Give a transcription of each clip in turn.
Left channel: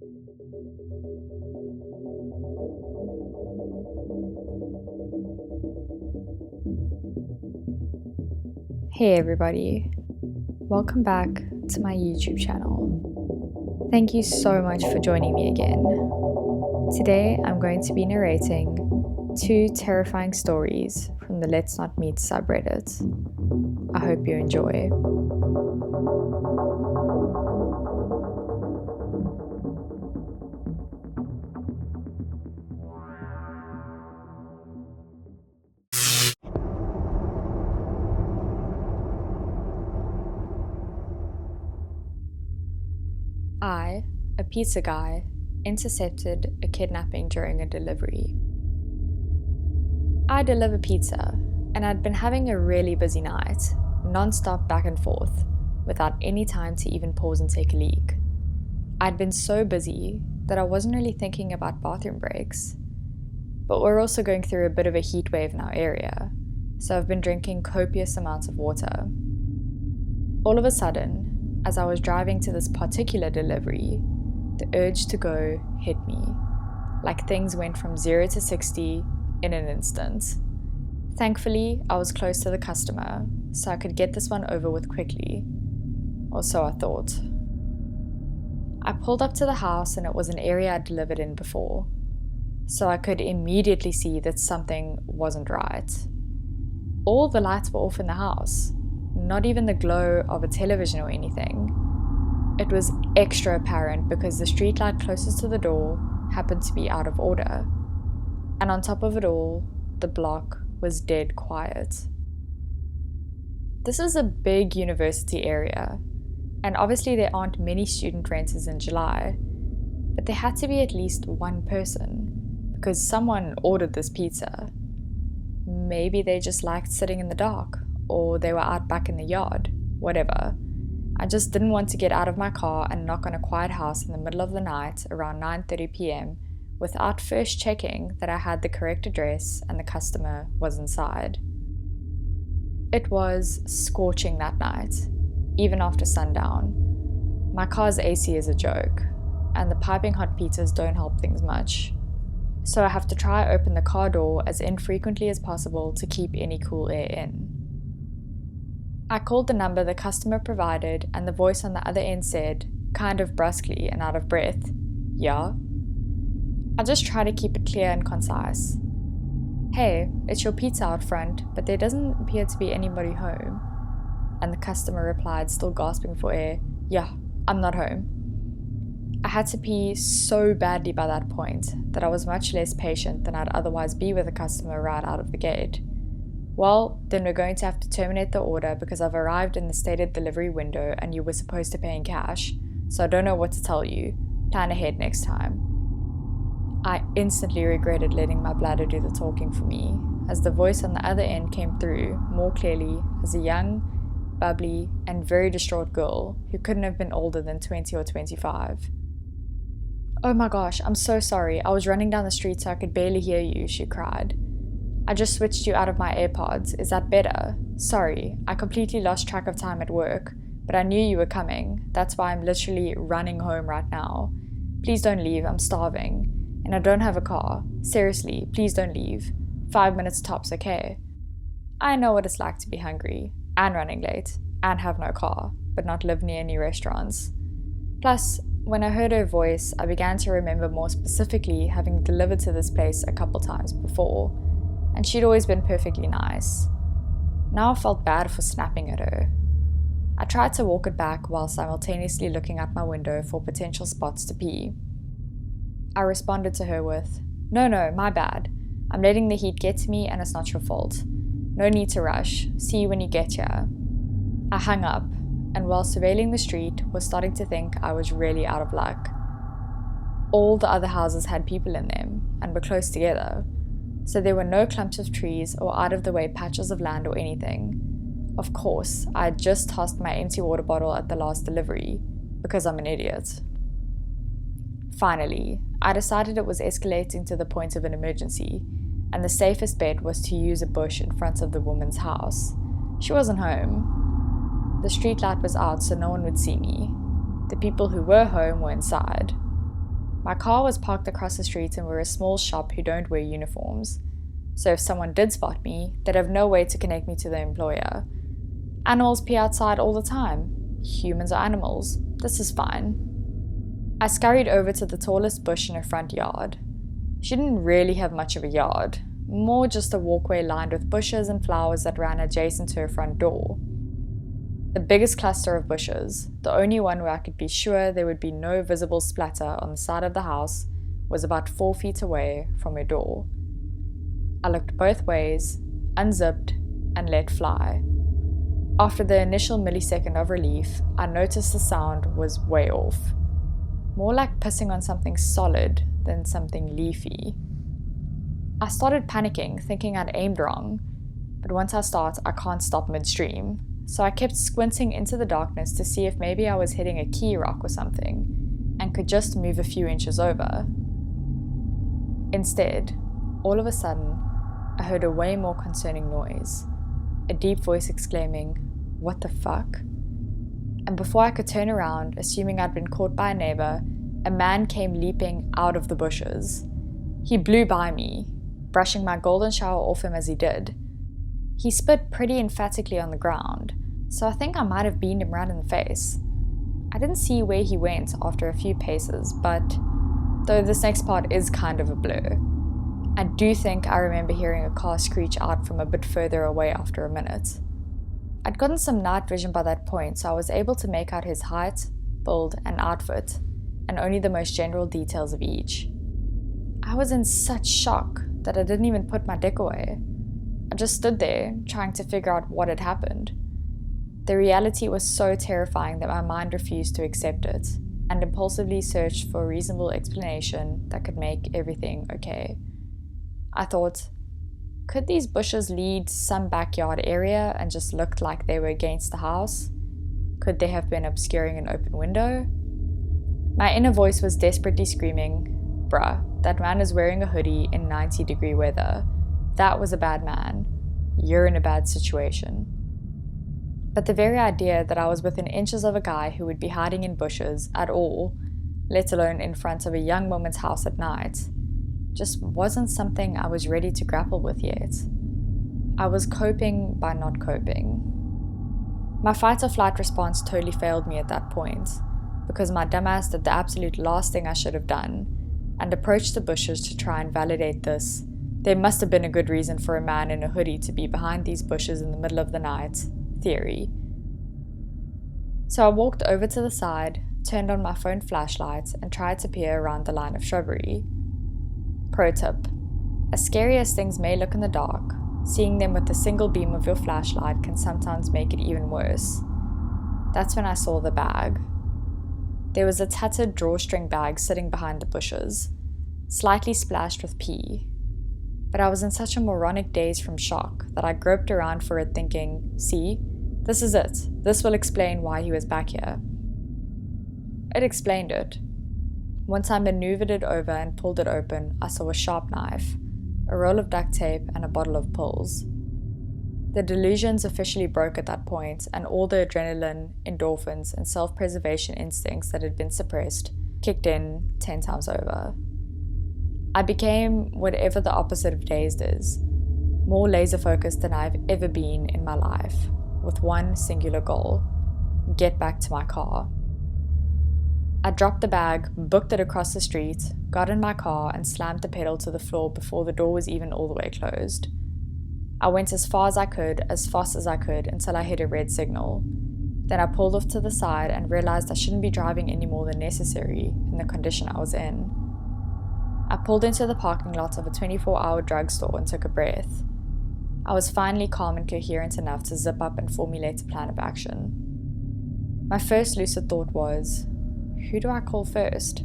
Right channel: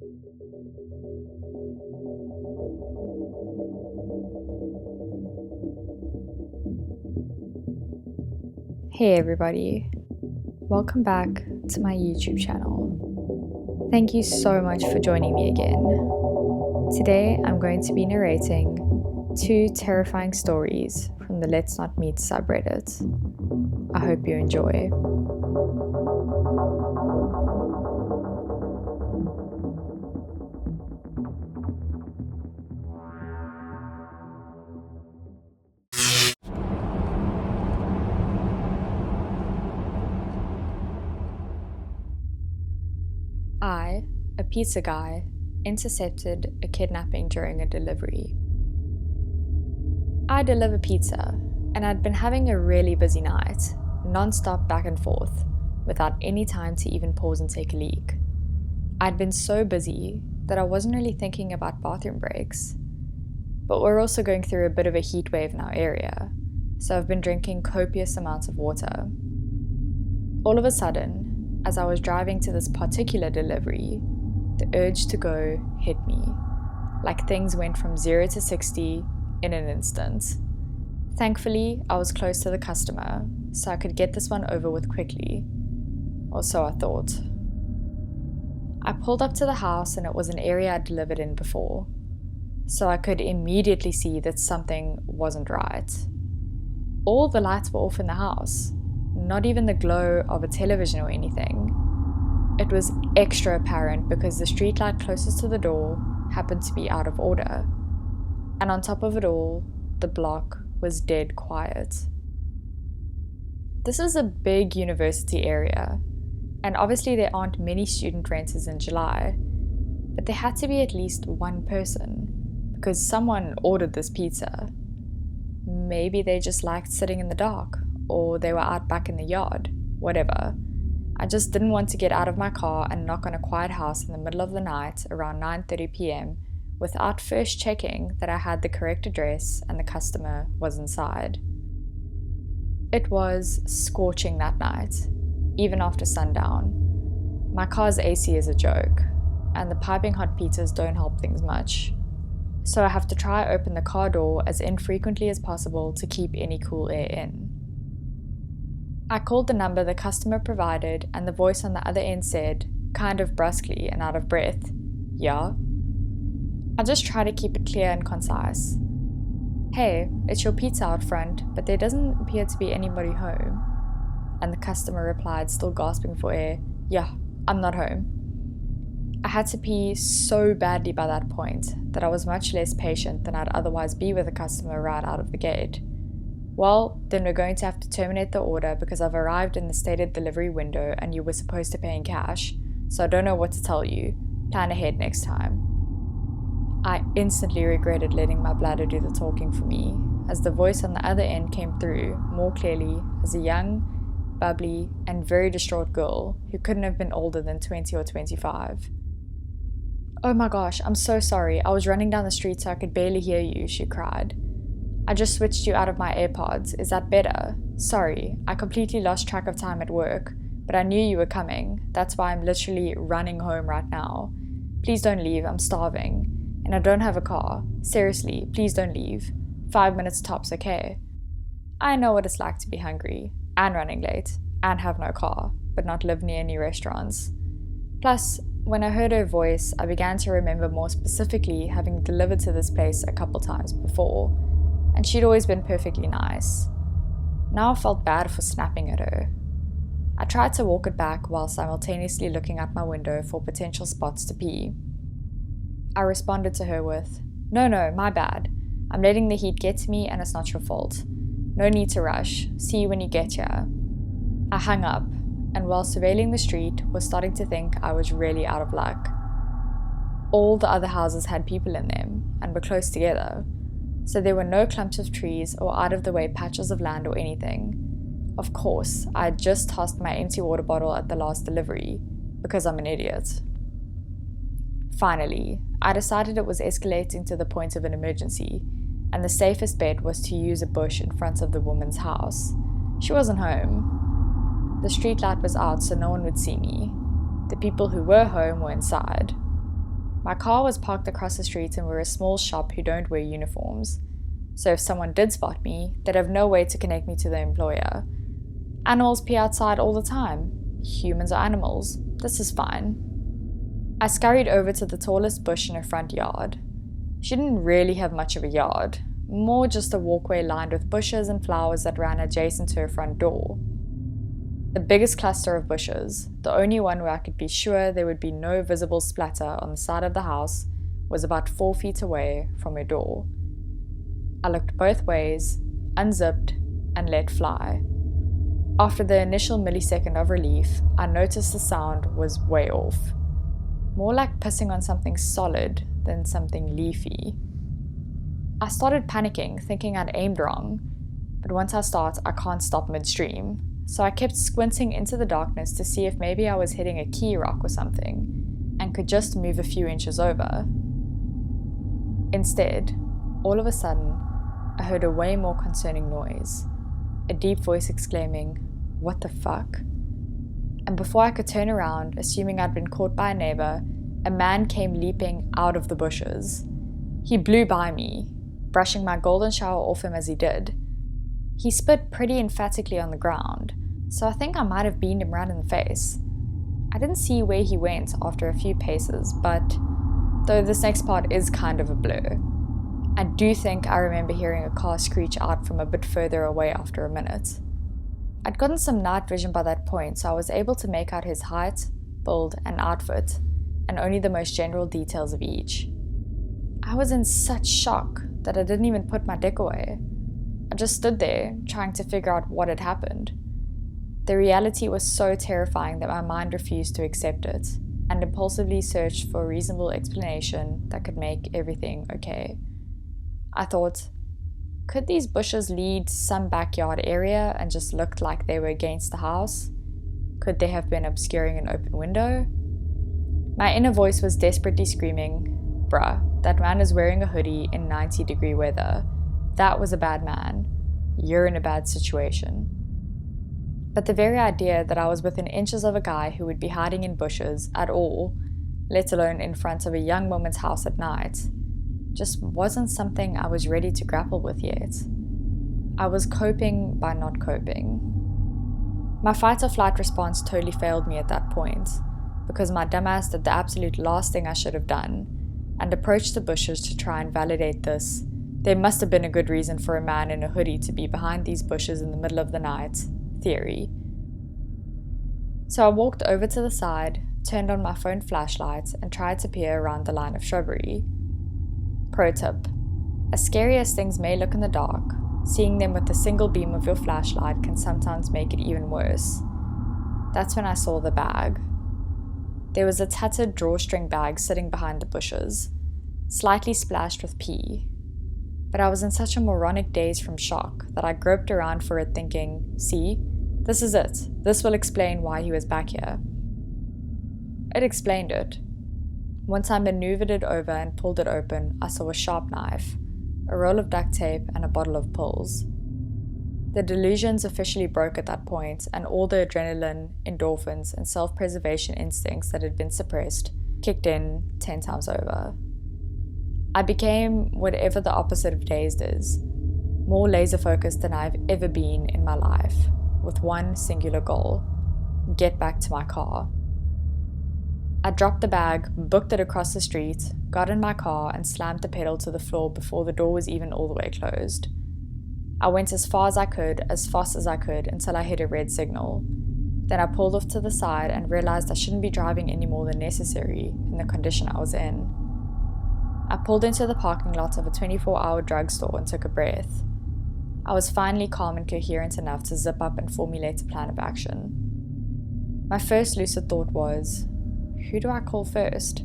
Hey everybody, welcome back to my YouTube channel. Thank you so much for joining me again. Today I'm going to be narrating 2 terrifying stories from the Let's Not Meet subreddit. I hope you enjoy. I, a pizza guy, intercepted a kidnapping during a delivery. I deliver pizza, and I'd been having a really busy night, non-stop back and forth, without any time to even pause and take a leak. I'd been so busy that I wasn't really thinking about bathroom breaks. But we're also going through a bit of a heat wave in our area, so I've been drinking copious amounts of water. All of a sudden, as I was driving to this particular delivery, the urge to go hit me, like things went from 0 to 60 in an instant. Thankfully, I was close to the customer, so I could get this one over with quickly, or so I thought. I pulled up to the house and it was an area I'd delivered in before, so I could immediately see that something wasn't right. All the lights were off in the house. Not even the glow of a television or anything. It was extra apparent because the streetlight closest to the door happened to be out of order. And on top of it all, the block was dead quiet. This is a big university area, and obviously there aren't many student renters in July, but there had to be at least one person, because someone ordered this pizza. Maybe they just liked sitting in the dark, or they were out back in the yard, whatever. I just didn't want to get out of my car and knock on a quiet house in the middle of the night around 9:30 p.m. without first checking that I had the correct address and the customer was inside. It was scorching that night, even after sundown. My car's AC is a joke, and the piping hot pizzas don't help things much. So I have to try open the car door as infrequently as possible to keep any cool air in. I called the number the customer provided and the voice on the other end said, kind of brusquely and out of breath, "Yeah?" I just try to keep it clear and concise. "Hey, it's your pizza out front, but there doesn't appear to be anybody home." And the customer replied, still gasping for air, "Yeah, I'm not home." I had to pee so badly by that point that I was much less patient than I'd otherwise be with a customer right out of the gate. "Well, then we're going to have to terminate the order because I've arrived in the stated delivery window and you were supposed to pay in cash, so I don't know what to tell you. Plan ahead next time." I instantly regretted letting my bladder do the talking for me, as the voice on the other end came through more clearly as a young, bubbly, and very distraught girl who couldn't have been older than 20 or 25. "Oh my gosh, I'm so sorry. I was running down the street so I could barely hear you," she cried. "I just switched you out of my AirPods. Is that better? Sorry, I completely lost track of time at work, but I knew you were coming. That's why I'm literally running home right now. Please don't leave, I'm starving. And I don't have a car. Seriously, please don't leave. 5 minutes tops, okay?" I know what it's like to be hungry, and running late, and have no car, but not live near any restaurants. Plus, when I heard her voice, I began to remember more specifically having delivered to this place a couple times before, and she'd always been perfectly nice. Now I felt bad for snapping at her. I tried to walk it back while simultaneously looking out my window for potential spots to pee. I responded to her with, No, my bad. I'm letting the heat get to me and it's not your fault. No need to rush. See you when you get here." I hung up, and while surveilling the street, was starting to think I was really out of luck. All the other houses had people in them, and were close together, so there were no clumps of trees or out-of-the-way patches of land or anything. Of course, I had just tossed my empty water bottle at the last delivery, because I'm an idiot. Finally, I decided it was escalating to the point of an emergency, and the safest bet was to use a bush in front of the woman's house. She wasn't home. The streetlight was out so no one would see me. The people who were home were inside. My car was parked across the street and we're a small shop who don't wear uniforms, so if someone did spot me, they'd have no way to connect me to the employer. Animals pee outside all the time. Humans are animals. This is fine. I scurried over to the tallest bush in her front yard. She didn't really have much of a yard, more just a walkway lined with bushes and flowers that ran adjacent to her front door. The biggest cluster of bushes, the only one where I could be sure there would be no visible splatter on the side of the house, was about 4 feet away from her door. I looked both ways, unzipped, and let fly. After the initial millisecond of relief, I noticed the sound was way off. More like pissing on something solid than something leafy. I started panicking, thinking I'd aimed wrong, but once I start, I can't stop midstream, so I kept squinting into the darkness to see if maybe I was hitting a key rock or something, and could just move a few inches over. Instead, all of a sudden, I heard a way more concerning noise, a deep voice exclaiming, "What the fuck?" And before I could turn around, assuming I'd been caught by a neighbor, a man came leaping out of the bushes. He blew by me, brushing my golden shower off him as he did. He spit pretty emphatically on the ground, so I think I might have beamed him right in the face. I didn't see where he went after a few paces, but though this next part is kind of a blur, I do think I remember hearing a car screech out from a bit further away after a minute. I'd gotten some night vision by that point, so I was able to make out his height, build, and outfit, and only the most general details of each. I was in such shock that I didn't even put my dick away. I just stood there, trying to figure out what had happened. The reality was so terrifying that my mind refused to accept it, and impulsively searched for a reasonable explanation that could make everything okay. I thought, could these bushes lead to some backyard area and just looked like they were against the house? Could they have been obscuring an open window? My inner voice was desperately screaming, "Bruh, that man is wearing a hoodie in 90-degree weather. That was a bad man. You're in a bad situation." But the very idea that I was within inches of a guy who would be hiding in bushes at all, let alone in front of a young woman's house at night, just wasn't something I was ready to grapple with yet. I was coping by not coping. My fight or flight response totally failed me at that point, because my dumbass did the absolute last thing I should have done, and approached the bushes to try and validate this. There must have been a good reason for a man in a hoodie to be behind these bushes in the middle of the night theory. So I walked over to the side, turned on my phone flashlight, and tried to peer around the line of shrubbery. Pro tip: as scary as things may look in the dark, seeing them with the single beam of your flashlight can sometimes make it even worse. That's when I saw the bag. There was a tattered drawstring bag sitting behind the bushes, slightly splashed with pee. But I was in such a moronic daze from shock that I groped around for it thinking, see, this is it. This will explain why he was back here. It explained it. Once I maneuvered it over and pulled it open, I saw a sharp knife, a roll of duct tape, and a bottle of pills. The delusions officially broke at that point, and all the adrenaline, endorphins, and self-preservation instincts that had been suppressed kicked in 10 times over. I became whatever the opposite of dazed is, more laser-focused than I've ever been in my life, with one singular goal: get back to my car. I dropped the bag, booked it across the street, got in my car, and slammed the pedal to the floor before the door was even all the way closed. I went as far as I could, as fast as I could, until I hit a red signal. Then I pulled off to the side and realized I shouldn't be driving any more than necessary in the condition I was in. I pulled into the parking lot of a 24-hour drugstore and took a breath. I was finally calm and coherent enough to zip up and formulate a plan of action. My first lucid thought was, who do I call first?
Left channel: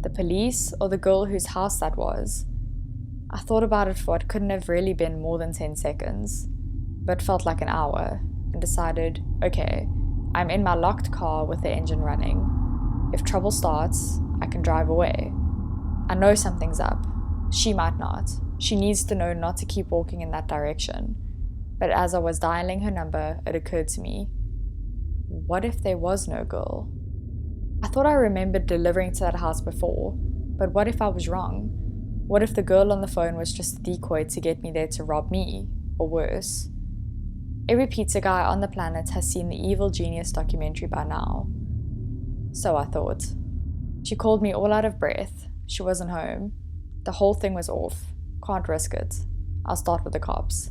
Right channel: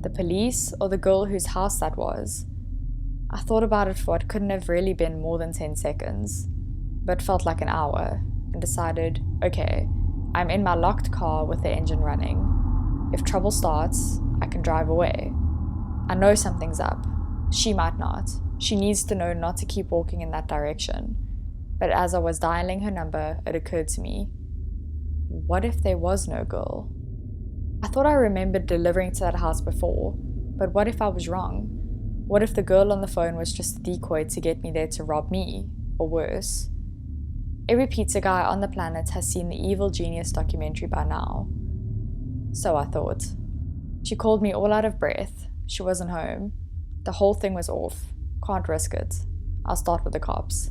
The police or the girl whose house that was? I thought about it for what couldn't have really been more than 10 seconds, but felt like an hour, and decided, okay, I'm in my locked car with the engine running. If trouble starts, I can drive away. I know something's up. She might not. She needs to know not to keep walking in that direction. But as I was dialing her number, it occurred to me, what if there was no girl? I thought I remembered delivering to that house before, But what if I was wrong? What if the girl on the phone was just a decoy to get me there to rob me, or worse? Every pizza guy on the planet has seen the Evil Genius documentary by now. So I thought. She called me all out of breath. She wasn't home. The whole thing was off. Can't risk it. I'll start with the cops.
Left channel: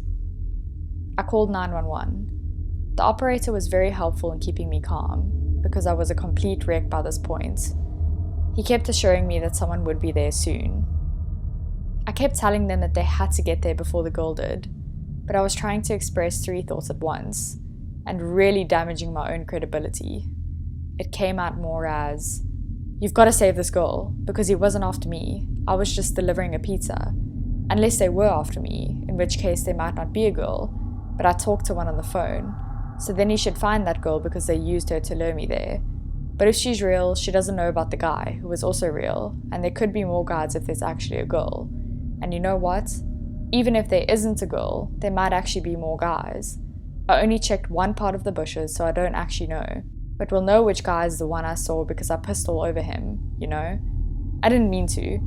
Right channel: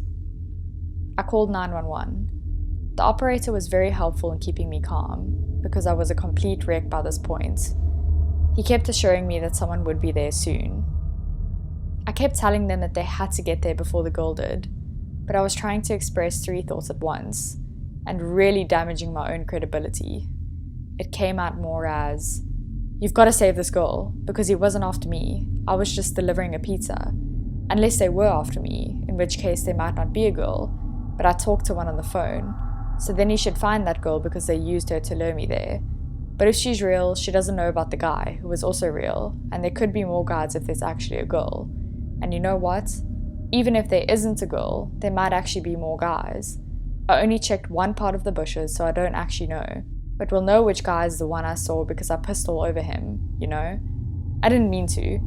I called 911. The operator was very helpful in keeping me calm, because I was a complete wreck by this point. He kept assuring me that someone would be there soon. I kept telling them that they had to get there before the girl did, but I was trying to express 3 thoughts at once, and really damaging my own credibility. It came out more as, "You've got to save this girl, because he wasn't after me. I was just delivering a pizza. Unless they were after me, in which case there might not be a girl, but I talked to one on the phone, so then he should find that girl because they used her to lure me there. But if she's real, she doesn't know about the guy, who was also real, and there could be more guys if there's actually a girl. And you know what? Even if there isn't a girl, there might actually be more guys. I only checked one part of the bushes, so I don't actually know. But we'll know which guy is the one I saw because I pissed all over him, you know? I didn't mean to.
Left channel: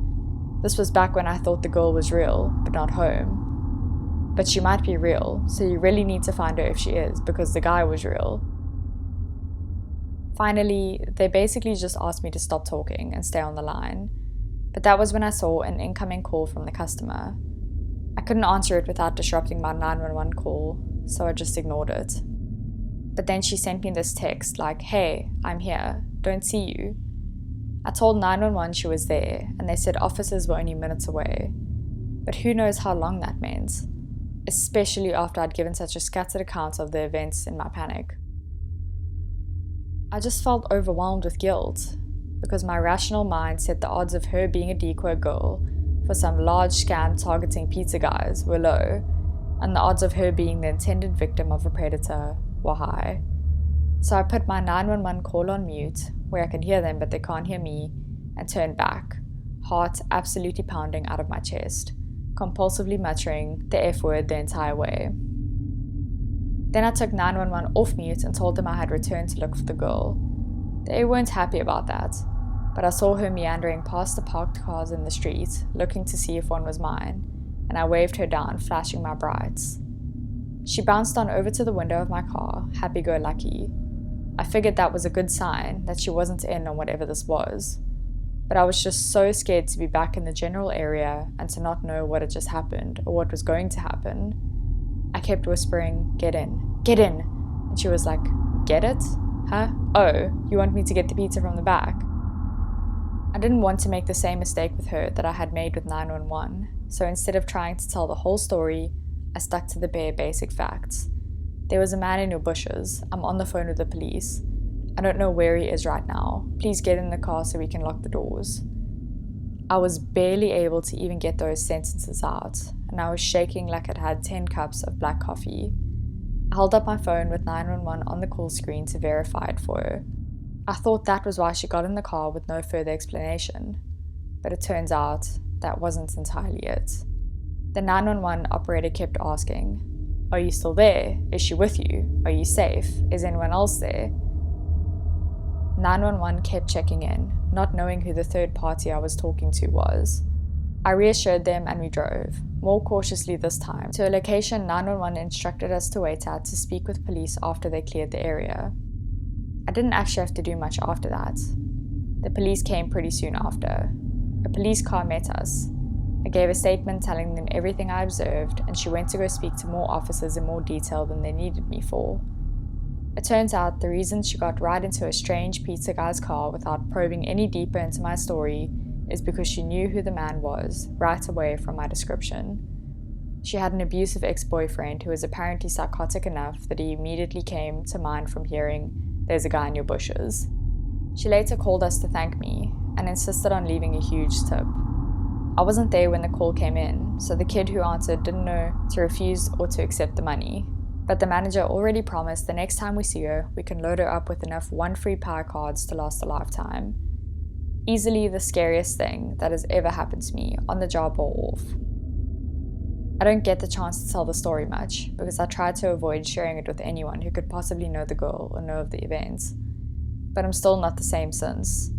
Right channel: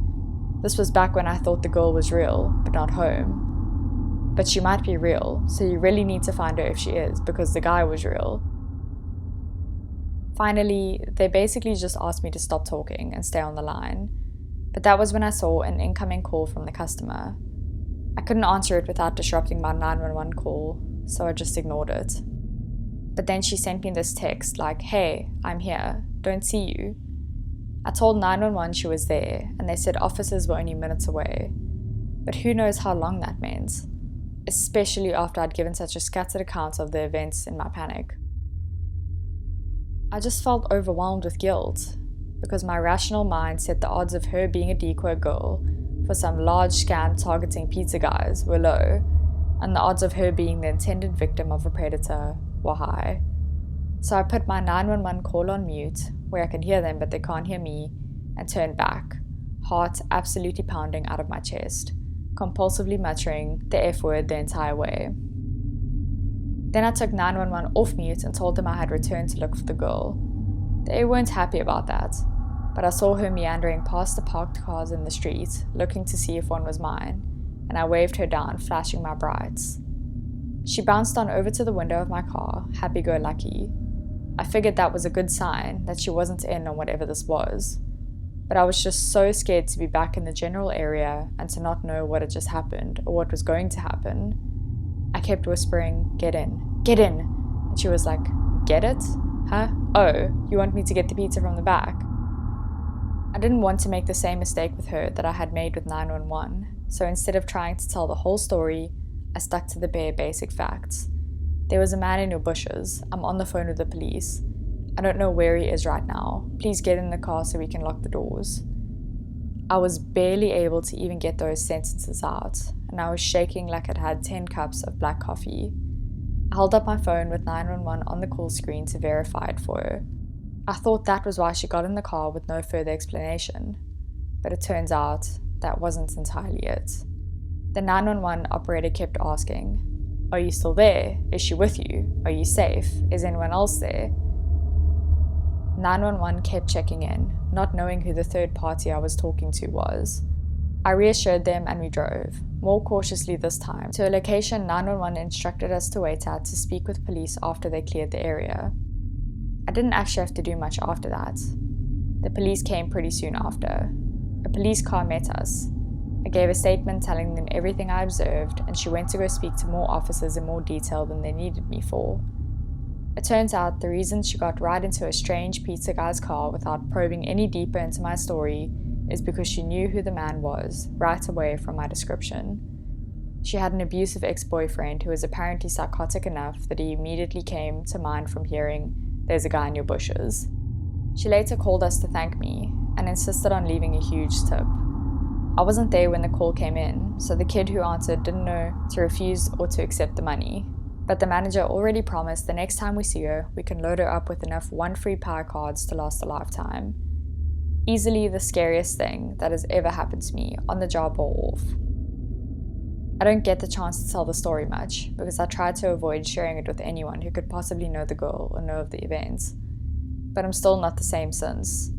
This was back when I thought the girl was real, but not home. But she might be real, so you really need to find her if she is, because the guy was real." Finally, they basically just asked me to stop talking and stay on the line. But that was when I saw an incoming call from the customer. I couldn't answer it without disrupting my 911 call, so I just ignored it. But then she sent me this text like, "Hey, I'm here, don't see you." I told 911 she was there, and they said officers were only minutes away. But who knows how long that meant, especially after I'd given such a scattered account of the events in my panic. I just felt overwhelmed with guilt, because my rational mind said the odds of her being a decoy girl for some large scam targeting pizza guys were low, and the odds of her being the intended victim of a predator were high. So I put my 911 call on mute, where I can hear them but they can't hear me, and turned back, heart absolutely pounding out of my chest, compulsively muttering the F word the entire way. Then I took 911 off mute and told them I had returned to look for the girl. They weren't happy about that, but I saw her meandering past the parked cars in the street, looking to see if one was mine, and I waved her down, flashing my brights. She bounced on over to the window of my car, happy-go-lucky. I figured that was a good sign that she wasn't in on whatever this was, but I was just so scared to be back in the general area and to not know what had just happened or what was going to happen. I kept whispering, "Get in, get in," and she was like, "Get it? Huh? Oh, you want me to get the pizza from the back?" I didn't want to make the same mistake with her that I had made with 911, so instead of trying to tell the whole story, I stuck to the bare basic facts. There was a man in your bushes. I'm on the phone with the police. I don't know where he is right now. Please get in the car so we can lock the doors. I was barely able to even get those sentences out, and I was shaking like I'd had 10 cups of black coffee. I held up my phone with 911 on the call screen to verify it for her. I thought that was why she got in the car with no further explanation, but it turns out that wasn't entirely it. The 911 operator kept asking, "Are you still there? Is she with you? Are you safe? Is anyone else there?" 911 kept checking in, not knowing who the third party I was talking to was. I reassured them and we drove, more cautiously this time, to a location 911 instructed us to wait at to speak with police after they cleared the area. I didn't actually have to do much after that. The police came pretty soon after. A police car met us. I gave a statement telling them everything I observed, and she went to go speak to more officers in more detail than they needed me for. It turns out the reason she got right into a strange pizza guy's car without probing any deeper into my story is because she knew who the man was right away from my description. She had an abusive ex-boyfriend who was apparently psychotic enough that he immediately came to mind from hearing, "There's a guy in your bushes." She later called us to thank me and insisted on leaving a huge tip. I wasn't there when the call came in, so the kid who answered didn't know to refuse or to accept the money. But the manager already promised the next time we see her, we can load her up with enough 1 free power cards to last a lifetime. Easily the scariest thing that has ever happened to me, on the job or off. I don't get the chance to tell the story much, because I try to avoid sharing it with anyone who could possibly know the girl or know of the events. But I'm still not the same since.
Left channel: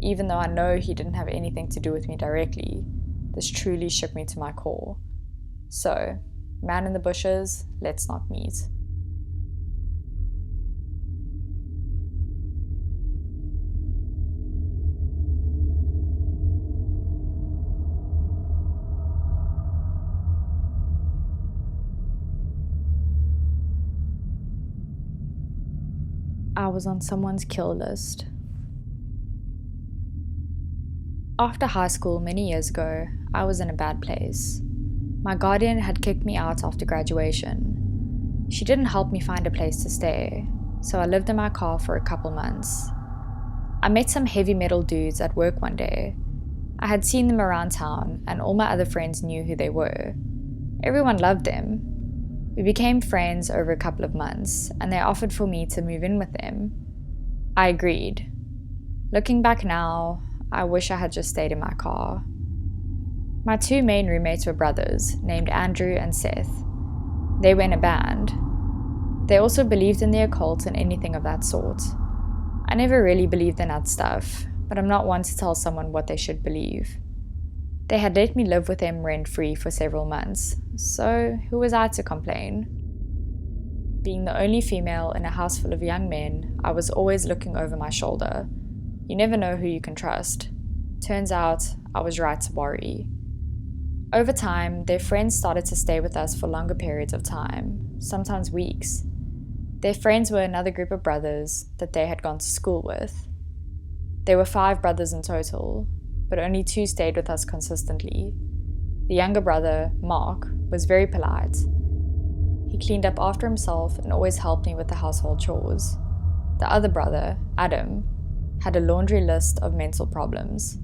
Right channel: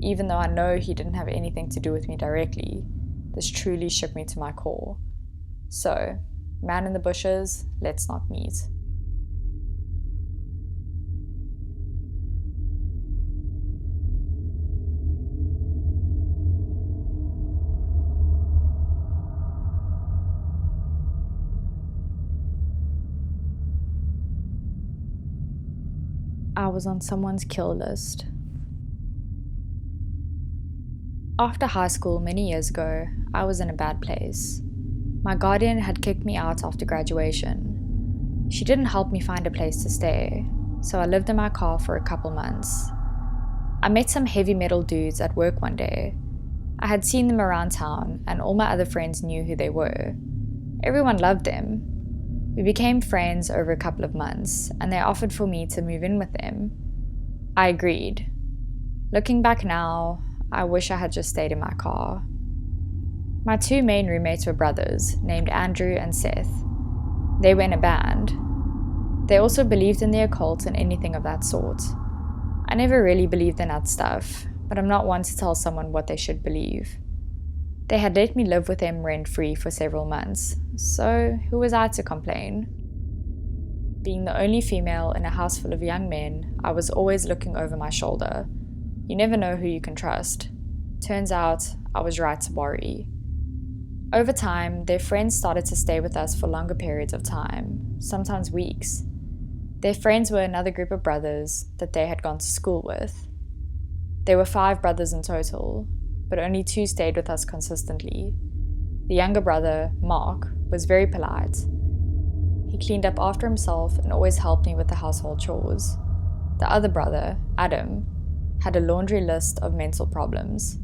Even though I know he didn't have anything to do with me directly, this truly shook me to my core. So, man in the bushes, let's not meet. I was on someone's kill list. After high school many years ago, I was in a bad place. My guardian had kicked me out after graduation. She didn't help me find a place to stay, so I lived in my car for a couple months. I met some heavy metal dudes at work one day. I had seen them around town, and all my other friends knew who they were. Everyone loved them. We became friends over a couple of months, and they offered for me to move in with them. I agreed. Looking back now, I wish I had just stayed in my car. My two main roommates were brothers, named Andrew and Seth. They were in a band. They also believed in the occult and anything of that sort. I never really believed in that stuff, but I'm not one to tell someone what they should believe. They had let me live with them rent-free for several months, so who was I to complain? Being the only female in a house full of young men, I was always looking over my shoulder. You never know who you can trust. Turns out, I was right to worry. Over time, their friends started to stay with us for longer periods of time, sometimes weeks. Their friends were another group of brothers that they had gone to school with. There were 5 brothers in total, but only 2 stayed with us consistently. The younger brother, Mark, was very polite. He cleaned up after himself and always helped me with the household chores. The other brother, Adam, had a laundry list of mental problems.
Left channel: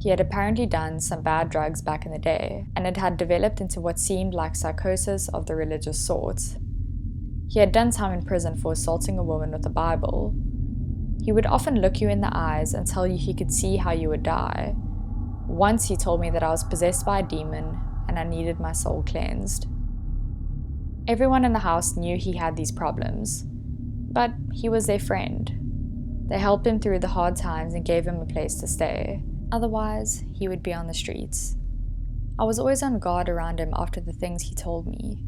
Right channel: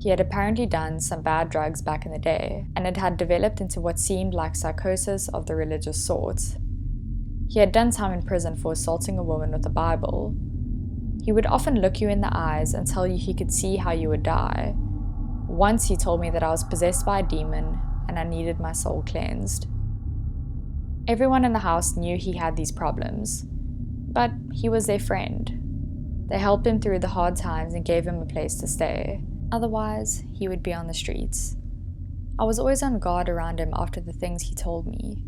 He had apparently done some bad drugs back in the day, and it had developed into what seemed like psychosis of the religious sort. He had done time in prison for assaulting a woman with a Bible. He would often look you in the eyes and tell you he could see how you would die. Once he told me that I was possessed by a demon and I needed my soul cleansed. Everyone in the house knew he had these problems, but he was their friend. They helped him through the hard times and gave him a place to stay. Otherwise, he would be on the streets. I was always on guard around him after the things he told me.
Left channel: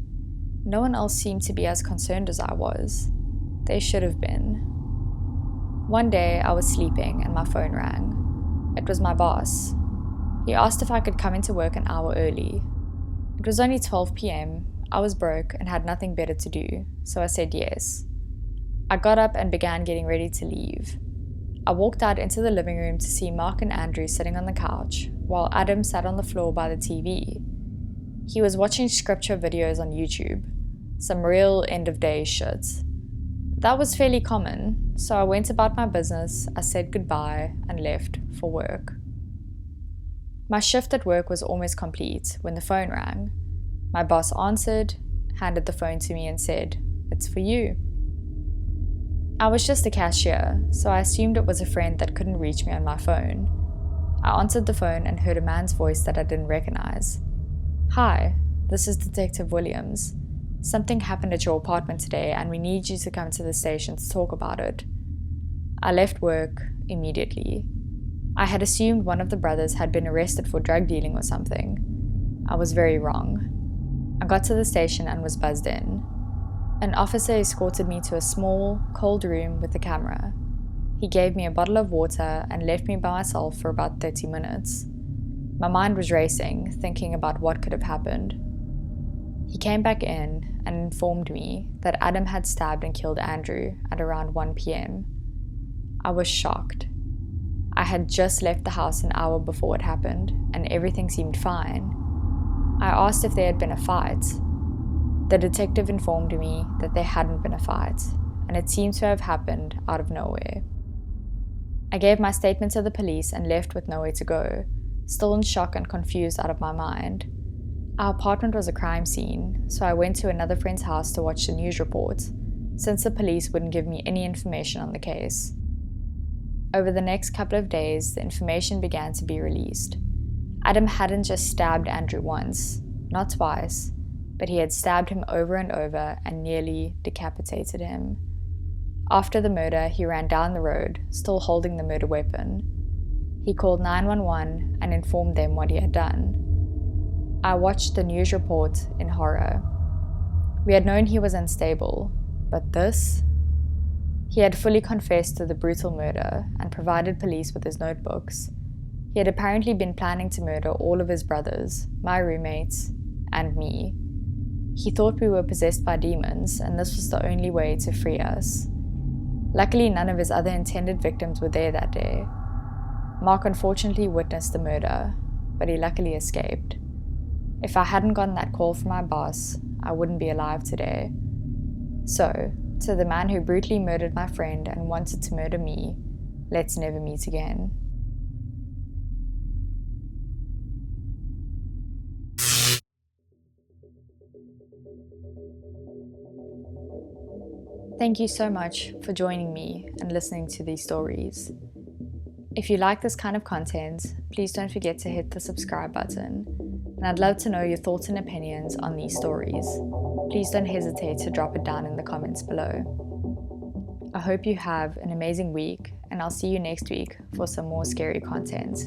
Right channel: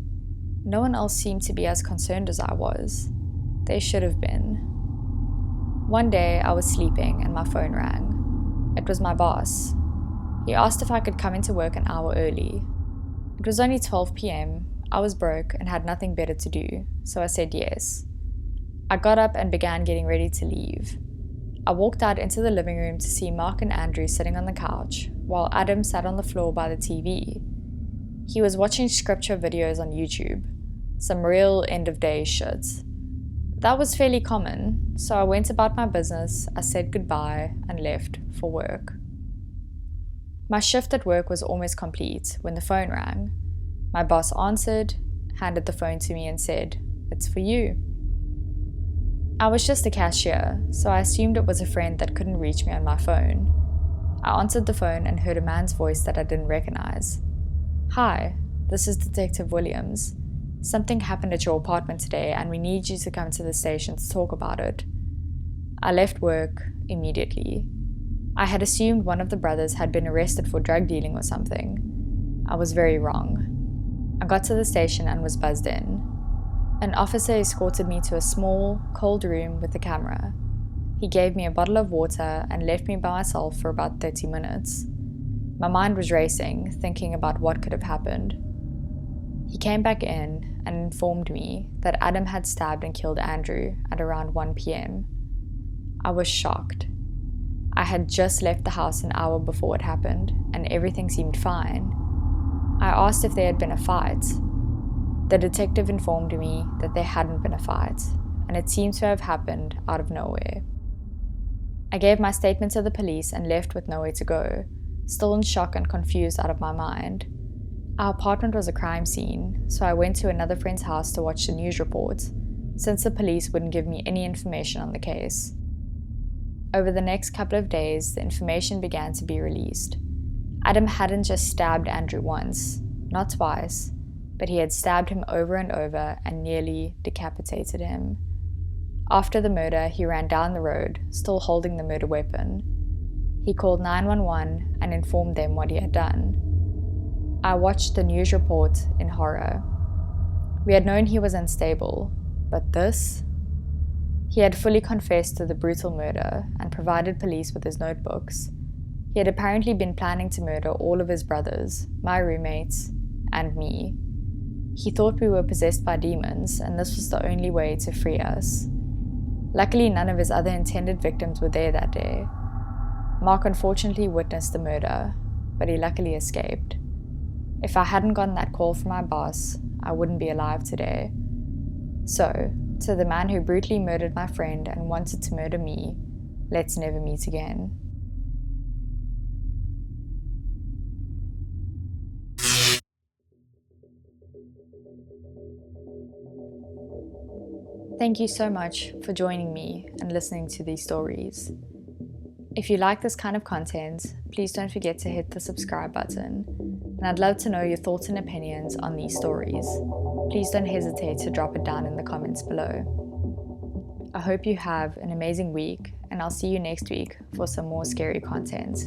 No one else seemed to be as concerned as I was. They should have been. One day, I was sleeping and my phone rang. It was my boss. He asked if I could come into work an hour early. It was only 12 p.m. I was broke and had nothing better to do, so I said yes. I got up and began getting ready to leave. I walked out into the living room to see Mark and Andrew sitting on the couch, while Adam sat on the floor by the TV. He was watching scripture videos on YouTube, some real end-of-days shit. That was fairly common, so I went about my business, I said goodbye, and left for work. My shift at work was almost complete when the phone rang. My boss answered, handed the phone to me and said, "It's for you." I was just a cashier, so I assumed it was a friend that couldn't reach me on my phone. I answered the phone and heard a man's voice that I didn't recognize. "Hi, this is Detective Williams. Something happened at your apartment today and we need you to come to the station to talk about it." I left work immediately. I had assumed one of the brothers had been arrested for drug dealing or something. I was very wrong. I got to the station and was buzzed in. An officer escorted me to a small, cold room with a camera. He gave me a bottle of water and left me by myself for about 30 minutes. My mind was racing, thinking about what could have happened. He came back in and informed me that Adam had stabbed and killed Andrew at around 1 p.m. I was shocked. I had just left the house an hour before it happened, and everything seemed fine. I asked if there had been a fight. The detective informed me that there hadn't been a fight, and it seemed to have happened out of nowhere. I gave my statement to the police and left with nowhere to go, still in shock and confused out of my mind. Our apartment was a crime scene, so I went to another friend's house to watch the news report, since the police wouldn't give me any information on the case. Over the next couple of days, the information began to be released. Adam hadn't just stabbed Andrew once, not twice, but he had stabbed him over and over and nearly decapitated him. After the murder, he ran down the road, still holding the murder weapon. He called 911 and informed them what he had done. I watched the news report in horror. We had known he was unstable, but this? He had fully confessed to the brutal murder and provided police with his notebooks. He had apparently been planning to murder all of his brothers, my roommates, and me. He thought we were possessed by demons, and this was the only way to free us. Luckily, none of his other intended victims were there that day. Mark unfortunately witnessed the murder, but he luckily escaped. If I hadn't gotten that call from my boss, I wouldn't be alive today. So, to the man who brutally murdered my friend and wanted to murder me, let's never meet again. Thank you so much for joining me and listening to these stories. If you like this kind of content, please don't forget to hit the subscribe button. And I'd love to know your thoughts and opinions on these stories. Please don't hesitate to drop it down in the comments below. I hope you have an amazing week, and I'll see you next week for some more scary content.